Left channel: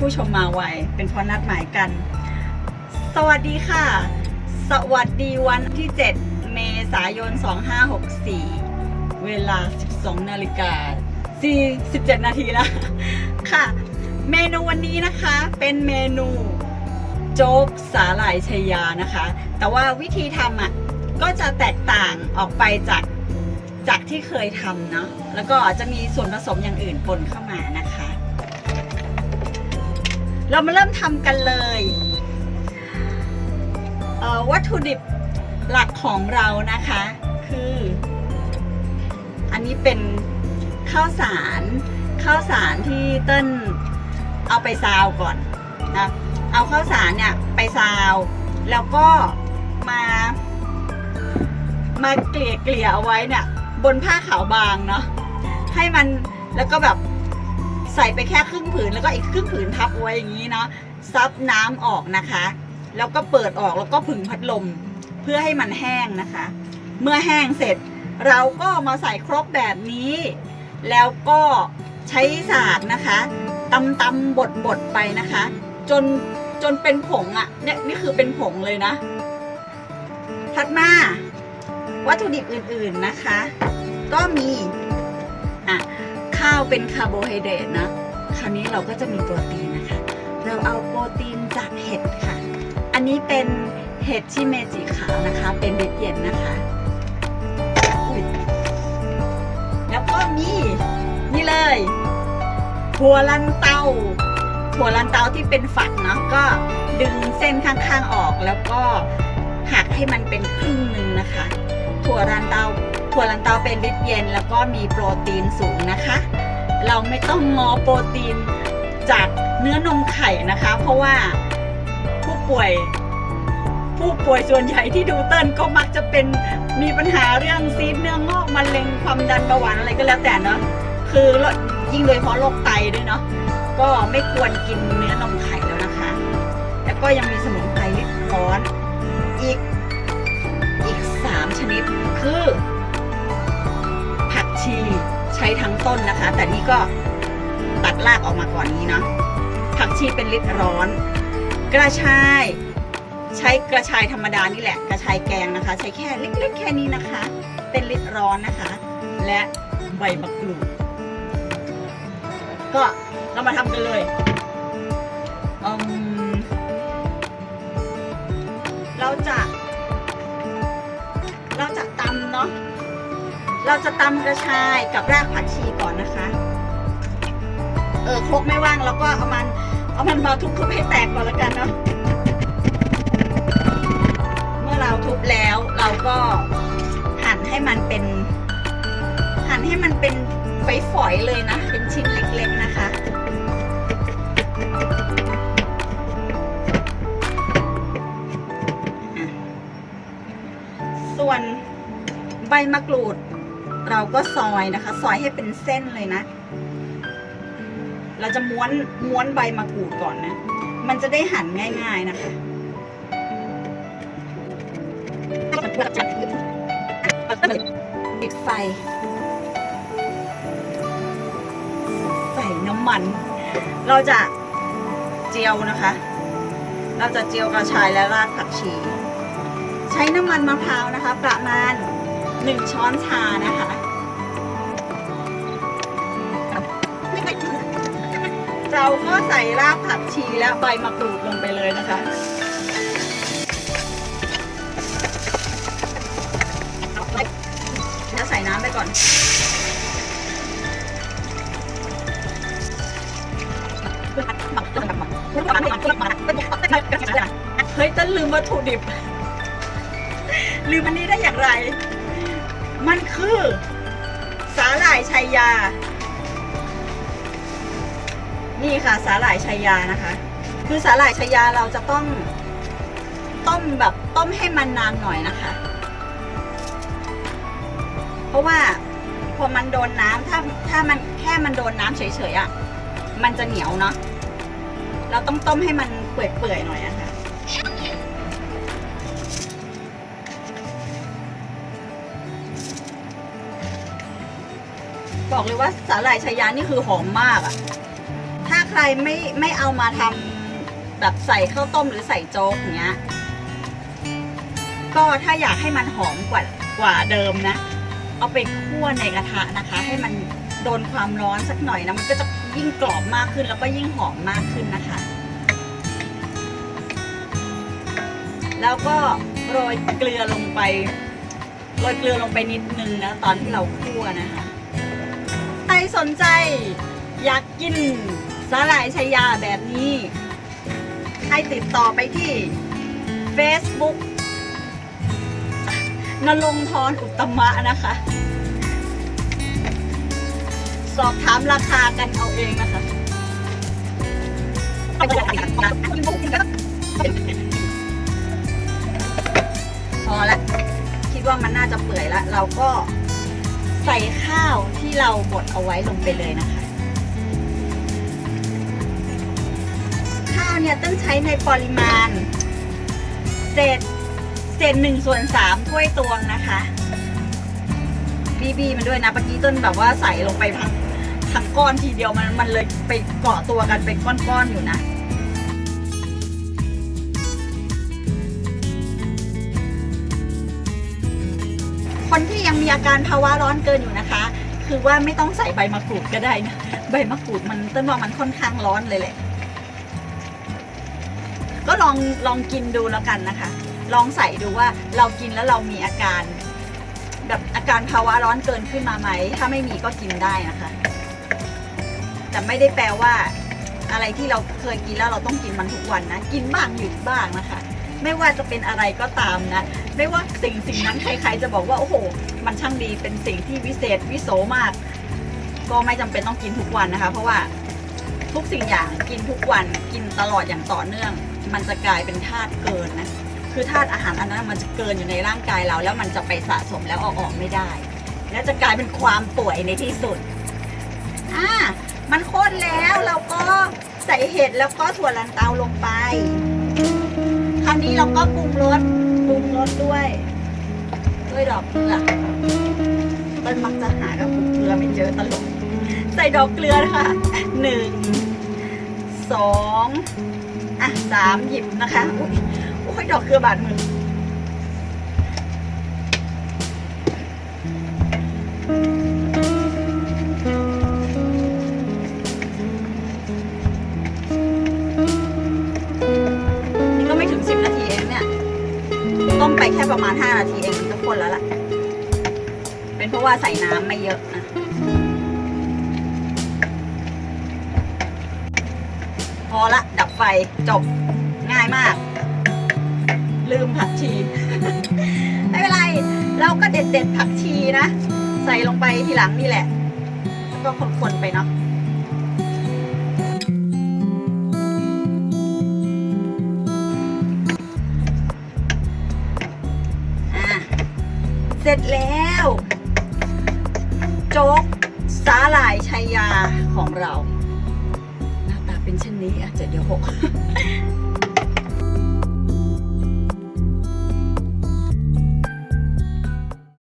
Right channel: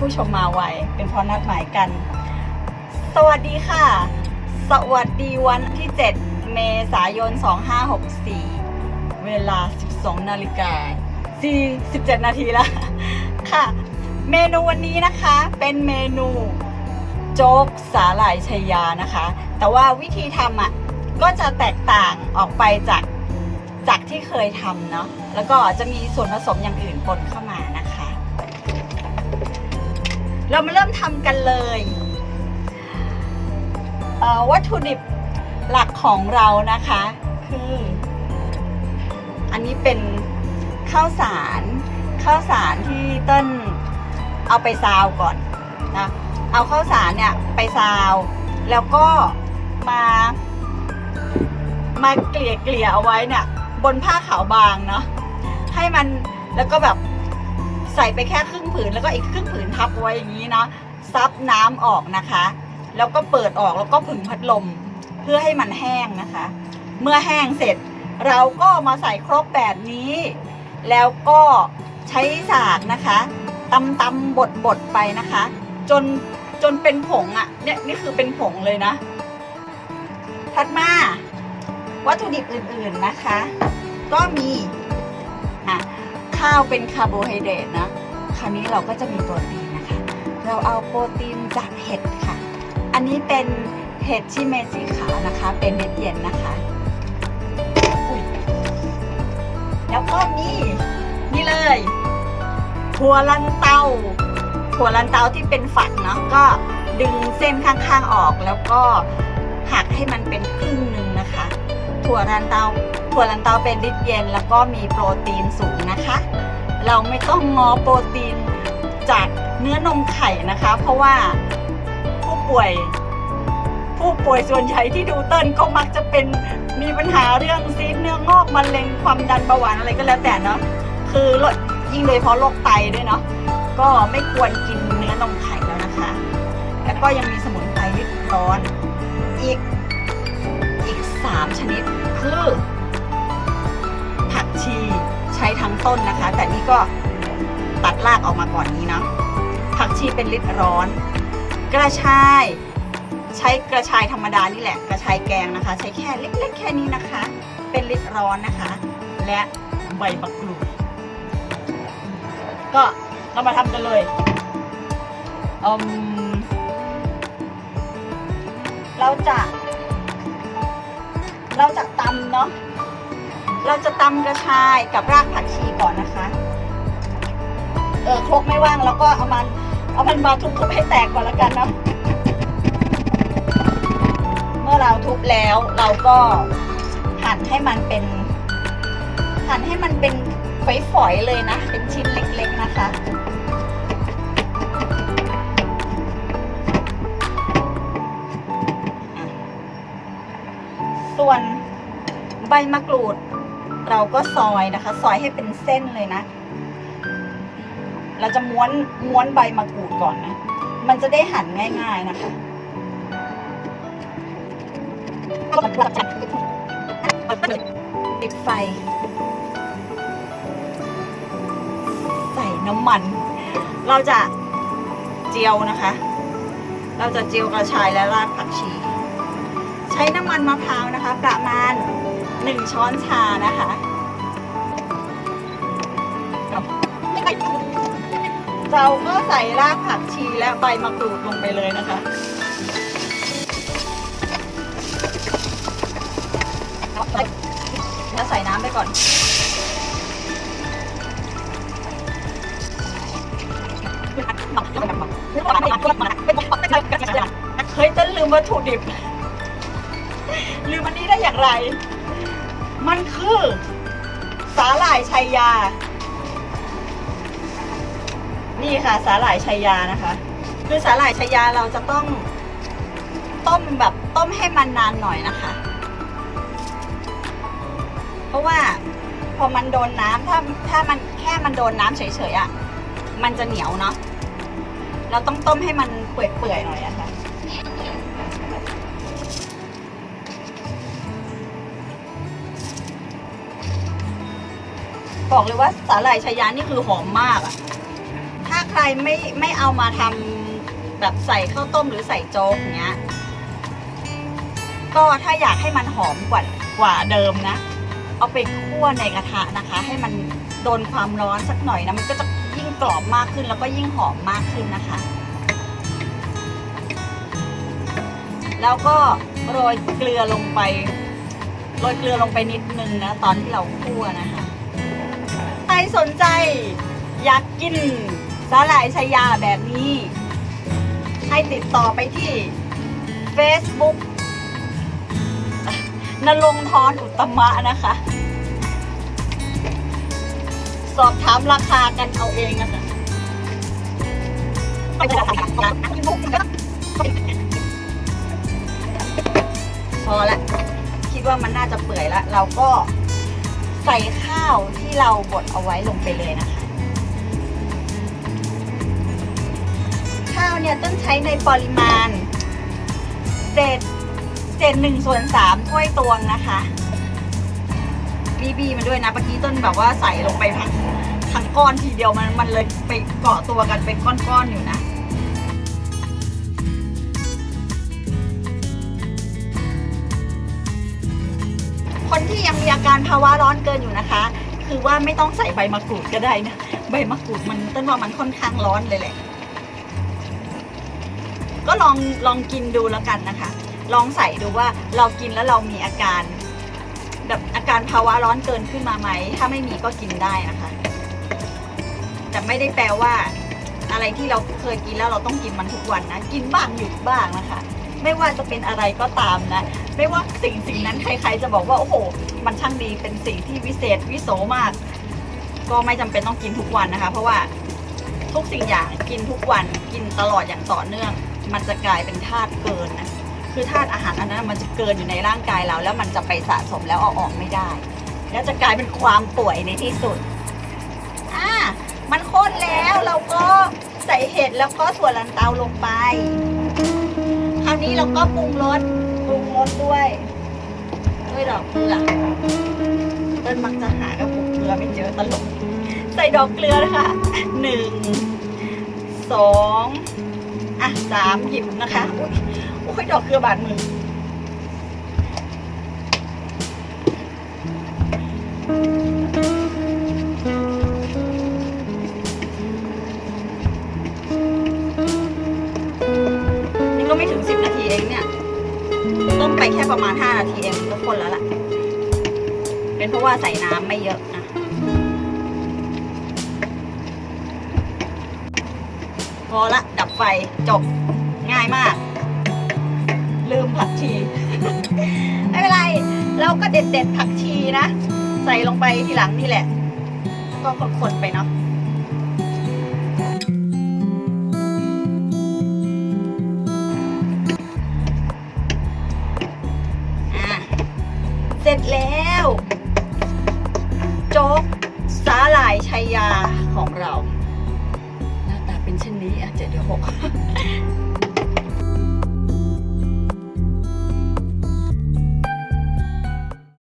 ผู้ชมมาไว เป็นเพราะนัดหมายกัน สวัสดีค่ะ สวัสดีวันที่ 7 เมษายน 2564 เวลา 12 นาฬิกา47 นาทีแล้วค่ะ เมนูวันนี้นะคะเป็นเมนูโจ๊กสาหร่ายชายานะคะ แต่ว่าวิธีทำอะก็จะแตกต่างออกไปจากจากที่เคยทำเนาะแล้วก็จะมีส่วนผสมอย่างอื่นปนเข้ามานะคะ เรามาเริ่มทำกันเลยเวัตถุดิบหลักของเรานะคะ คือ อันนี้เป็นข้าวสารข้าวสารที่เต้นเอาไปซาวก่อนนะเอาข้าวสารเนี่ยไปซาว แล้วก็มามาเกลี่ยเกลี่ยเอาไว้เนี่ยบนผ้าขาวบางเนาะให้มันแล้วก็แบบ ใส่ไปแค่ครึ่งผืนแล้วก็อีกครึ่งผืนทับไว้อย่างนี้เนาะซับน้ำออกนะคะ แล้วก็เปิดออกแล้วก็ผึ่งพัดลมเพื่อให้มันแห้งนะคะ เมื่อแห้งเสร็จ เราก็มาใส่ครกแบบนี้ แล้วก็ใช้สากนะคะตำตำบดบดไปนะคะ จนจนเป็นผงอะ่ะเนี่ยนี่คือเป็นผงเลยนะถัดมา วัตถุดิบอื่นๆนะคะ ก็ม เป็นคาร์โบไฮเดรตนะ คราวนี้เราก็จะมีโปรตีนนะคะ เราเอาโปรตีนจากเห็ดค่ะ อันนี้เป็นเห็ดชิเมจสีขาวนะคะ เป็นเด็ดเย็นนะคะแล้วก็มีนี่เลยถั่วลันเตาถั่วลันเตาที่เป็นฝักเนาะก็ดึงเส้นข้างๆออกแล้วก็หักให้มันเป็นครึ่งหนึ่งนะคะ ถั่วลันเตาถั่วลันเตาเป็นลิตเย็น แล้วก็มีโปรตีนสูงนะคะ เราไม่ต้องงอโปรตีนจากเนื้อนมไข่นะคะ เพราะว่าผู้ป่วย ผู้ป่วยส่วนใหญ่ที่ดูเติ้ลก็มักจะเป็นมีปัญหาเรื่องซีดเนื้องอกมะเร็งความดันเบาหวานอะไรก็แล้วแต่เนาะคือลดยิ่งโดยเฉพาะโรคไตด้วยเนาะก็ไม่ควรกินเนื้อนมไข่แล้วนะคะ แล้วก็ยังมีสมุนไพรนิดร้อนอีกอีกสามชนิด ทั้งต้นนะคะ แต่นี่ก็ตัดรากออกมาก่อนนี้เนาะผักชีเป็นลิตรร้อน กระชาย ใช้กระชายธรรมดานี่แหละ กระชายแกงนะคะ ใช้แค่เล็กๆแค่นี้นะคะ เป็นลิตรร้อนนะคะ และใบมะกรูดก็เรามาทำกันเลยอืมเราจะ เราจะตำเนาะ เราจะตำกระชายกับรากผักชีก่อนนะคะ เออครกไม่ว่างแล้วก็เอามัน เอามันมาทุบๆให้แตกก่อนแล้วกันเนาะเมื่อเราทุบแล้วเราก็หั่นให้มันเป็น หั่นให้มันเป็นฝอยๆเลยนะ เป็นชิ้นเล็กๆนะคะส่วนใบมะกรูด เราก็ซอยนะคะ ซอยให้เป็นเส้นเลยนะ เราจะม้วนม้วนใบมะกรูดก่อนนะ มันจะได้หั่นง่าย ๆนะคะปิดไฟ ใส่น้ำมัน เราจะเจียวนะคะ เราจะเจียวกระชายและรากผักชี ใช้น้ำมันมะพร้าวนะคะ ประมาณ 1 ช้อนชานะคะเราก็ใส่รากผักชีและใบมะกรูดลงไปเลยนะคะแล้วใส่น้ำไปก่อนเฮ้ยต้นลืมวัตถุดิบ ลืมอันนี้ได้อย่างไร มันคือ สาหร่ายชัยยา นี่ค่ะ สาหร่ายชัยยานะคะ คือสาหร่ายชัยยาเราจะต้อง ต้มแบบต้มให้มันนานหน่อยนะคะ เพราะว่าพอมันโดนน้ำถ้าถ้ามันแค่มันโดนน้ำเฉยๆอะ่ะ มันจะเหนียวเนาะ เราต้องต้มให้มันเปื่อยๆหน่อยอะค่ะ บอกเลยว่าสาหร่ายชายานี่คือหอมมากอะถ้าใครไม่ไม่เอามาทำแบบใส่ข้าวต้มหรือใส่โจ๊กอย่างเงี้ย ก็ถ้าอยากให้มันหอมกว่ากว่าเดิมนะ เอาไปคั่วในกระทะนะคะ ให้มันโดนความร้อนสักหน่อยนะมันก็จะยิ่งกรอบมากขึ้นแล้วก็ยิ่งหอมมากขึ้นนะคะ แล้วก็โรยเกลือลงไปโรยเกลือลงไปนิดนึงนะตอนที่เราคั่วนะคะ สนใจ อยากกินสาหร่ายชายาแบบนี้ ให้ติดต่อไปที่ Facebook นรงพรอุตตมะนะคะ สอบถามราคากันเอาเองนะคะพอละ คิดว่ามันน่าจะเปื่อยแล้ว เราก็ ใส่ข้าวที่เราบดเอาไว้ลงไปเลยนะคะ ข้าวเนี่ยต้องใช้ในปริมาณเศษเศษหนึ่งส่วนสามถ้วยตวงนะคะบีบีมันด้วยนะเมื่อกี้ต้นแบบว่าใส่ลงไปทั้งทั้งก้อนทีเดียวมันมันเลยไปเกาะตัวกันเป็นก้อนๆอยู่นะ อาการภาวะร้อนเกินอยู่นะคะ คือว่าไม่ต้องใส่ใบมะกรูดก็ได้นะ ใบมะกรูดมันต้นว่ามันค่อนข้างร้อนเลยแหละ ก็ลองลองกินดูแล้วกันนะคะ ลองใส่ดูว่าเรากินแล้วเรามีอาการ แบบอาการภาวะร้อนเกินขึ้นมาไหม ถ้าไม่มีก็กินได้นะคะ แต่ไม่ได้แปลว่า อะไรที่เราเคยกินแล้วเราต้องกินมันทุกวันนะ กินบ้างหยุดบ้างนะคะ ไม่ว่าจะเป็นอะไรก็ตามนะ ไม่ว่าสิ่งสิ่งนั้นใครๆจะบอกว่าโอ้โห มันช่างดีเป็นสิ่งที่วิเศษวิโสมาก ก็ไม่จำเป็นต้องกินทุกวันนะคะ เพราะว่าทุกสิ่งอย่างกินทุกวันกินตลอดอย่างต่อเนื่อง มันจะกลายเป็นธาตุเกินนะคือธาตุอาหารอันนั้นมันจะเกินอยู่ในร่างกายเรา แล้วมันจะไปสะสมแล้วเอาออกไม่ได้ และจะกลายเป็นความป่วยในที่สุดอ่ามันข้นแล้วเราก็ใส่เห็ดแล้วก็ถั่วลันเตาลงไป นี้เราก็ปรุงรสปรุงรสด้วยด้วยดอกเกลือต้นมักจะหากระปุกเกลือไม่เจอตลกใส่ดอกเกลือนะคะหนึ่งสองอะสามหยิบนะคะอุ้ยโอ้ยดอกเกลือบาดมือ ประมาณห้านาทีเองก็คนแล้วล่ะ เป็นเพราะว่าใส่น้ำไม่เยอะนะพอละดับไฟจบง่ายมาก ลืมผักชี ไม่เป็นไร เราก็เด็ดเด็ดผักชีนะ ใส่ลงไปทีหลังนี่แหละ ก็คนๆไปเนาะ ร็จแล้ว โจ๊กสาหร่ายชัยยาของเรา หน้าตาเป็นเช่นนี้อาจจะเดี๋ยวหก